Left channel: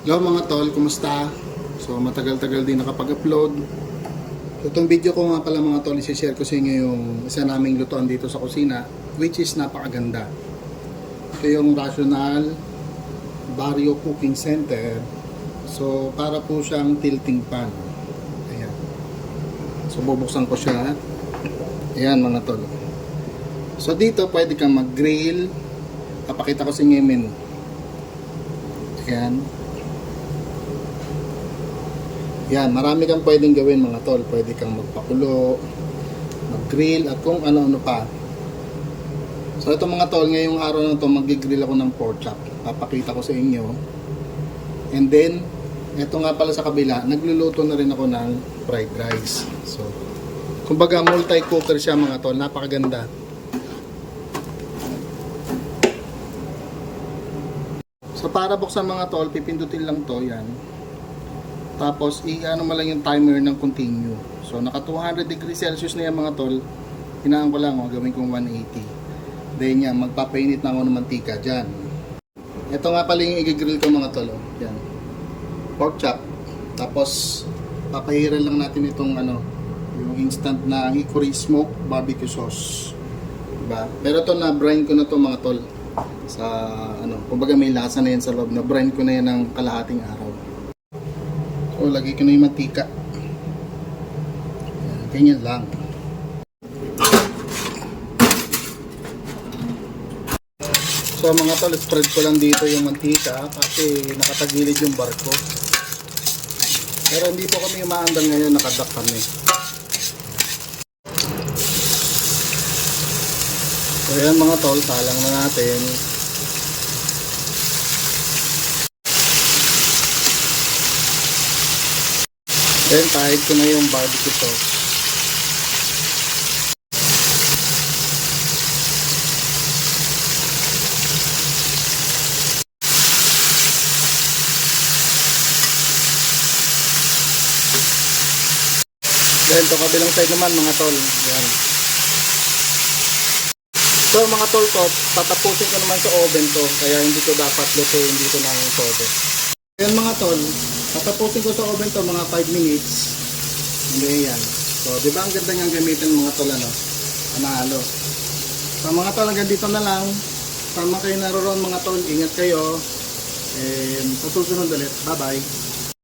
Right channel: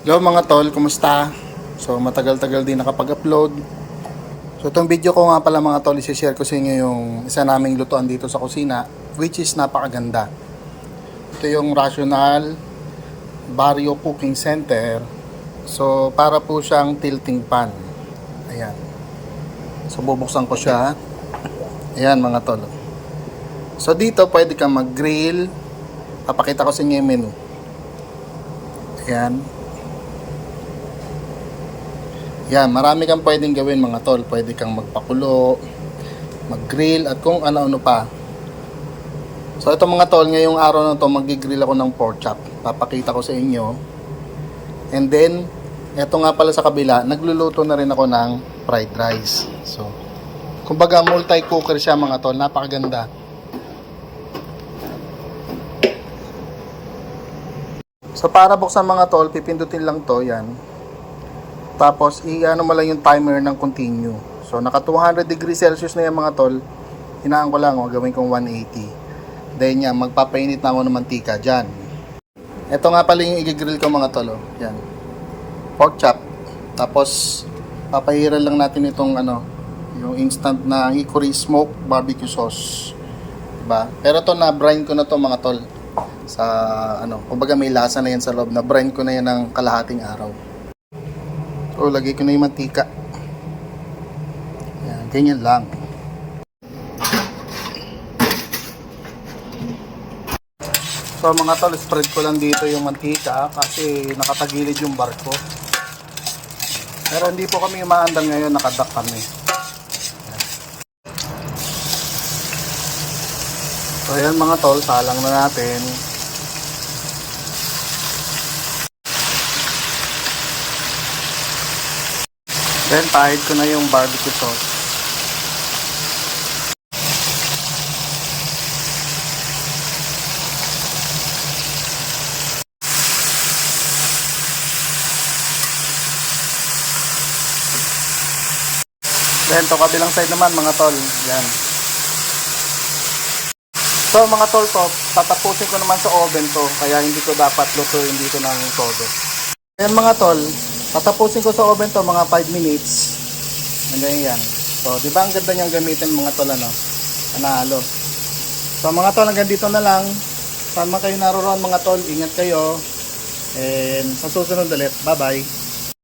Hello mga tol, kumusta? So matagal-tagal din nakapag-upload. So itong video ko nga pala mga tol, isi-share ko sa inyo yung isa naming lutuan dito sa kusina, which is napakaganda. Ito yung Rational Barrio Cooking Center. So para po siyang tilting pan. Ayan. So bubuksan ko siya. Ayan mga tol. So dito pwede kang mag-grill. Papakita ko sa inyo yung menu. Ayan. Yan, marami kang pwedeng gawin mga tol. Pwede kang magpakulo, mag-grill, at kung ano-ano pa. So ito mga tol, ngayong araw na to mag-grill ako ng pork chop. Papakita ko sa inyo. And then, ito nga pala sa kabila, nagluluto na rin ako ng fried rice. So, kumbaga multi-cooker siya mga tol. Napakaganda. So para buksan mga tol, pipindutin lang to, yan. Tapos, i-ano mo lang yung timer ng continue. So, naka 200 degrees Celsius na yan mga tol. Hinaan ko lang, oh, gawin kong 180. Then yan, magpapainit na ako ng mantika dyan. Ito nga pala yung i-grill ko mga tol. Oh. Yan. Pork chop. Tapos, papahiran lang natin itong ano, yung instant na hickory smoke barbecue sauce. Diba? Pero to na brine ko na to mga tol. Sa ano, kumbaga may lasa na yan sa loob. Na brine ko na yan ng kalahating araw. So, lagay ko na yung mantika. Yan, ganyan lang. So, mga tol, spread ko lang dito yung mantika kasi nakatagilid yung barko. Pero hindi po kami umaandal ngayon, nakadak kami. So, ayan mga tol, salang na natin. Then, pahid ko na yung barbecue sauce. Then, to kabilang side naman, mga tol. Yan. So, mga tol to, tatapusin ko naman sa oven to. Kaya hindi ko dapat lutuin dito ng todo. Yan mga tol, tatapusin ko sa oven to mga 5 minutes. And then yan. So, di ba ang ganda niyang gamitin mga tol ano? Panalo. So, mga tol, hanggang dito na lang. Tama kayo naroon mga tol. Ingat kayo. And sa susunod ulit. Bye-bye.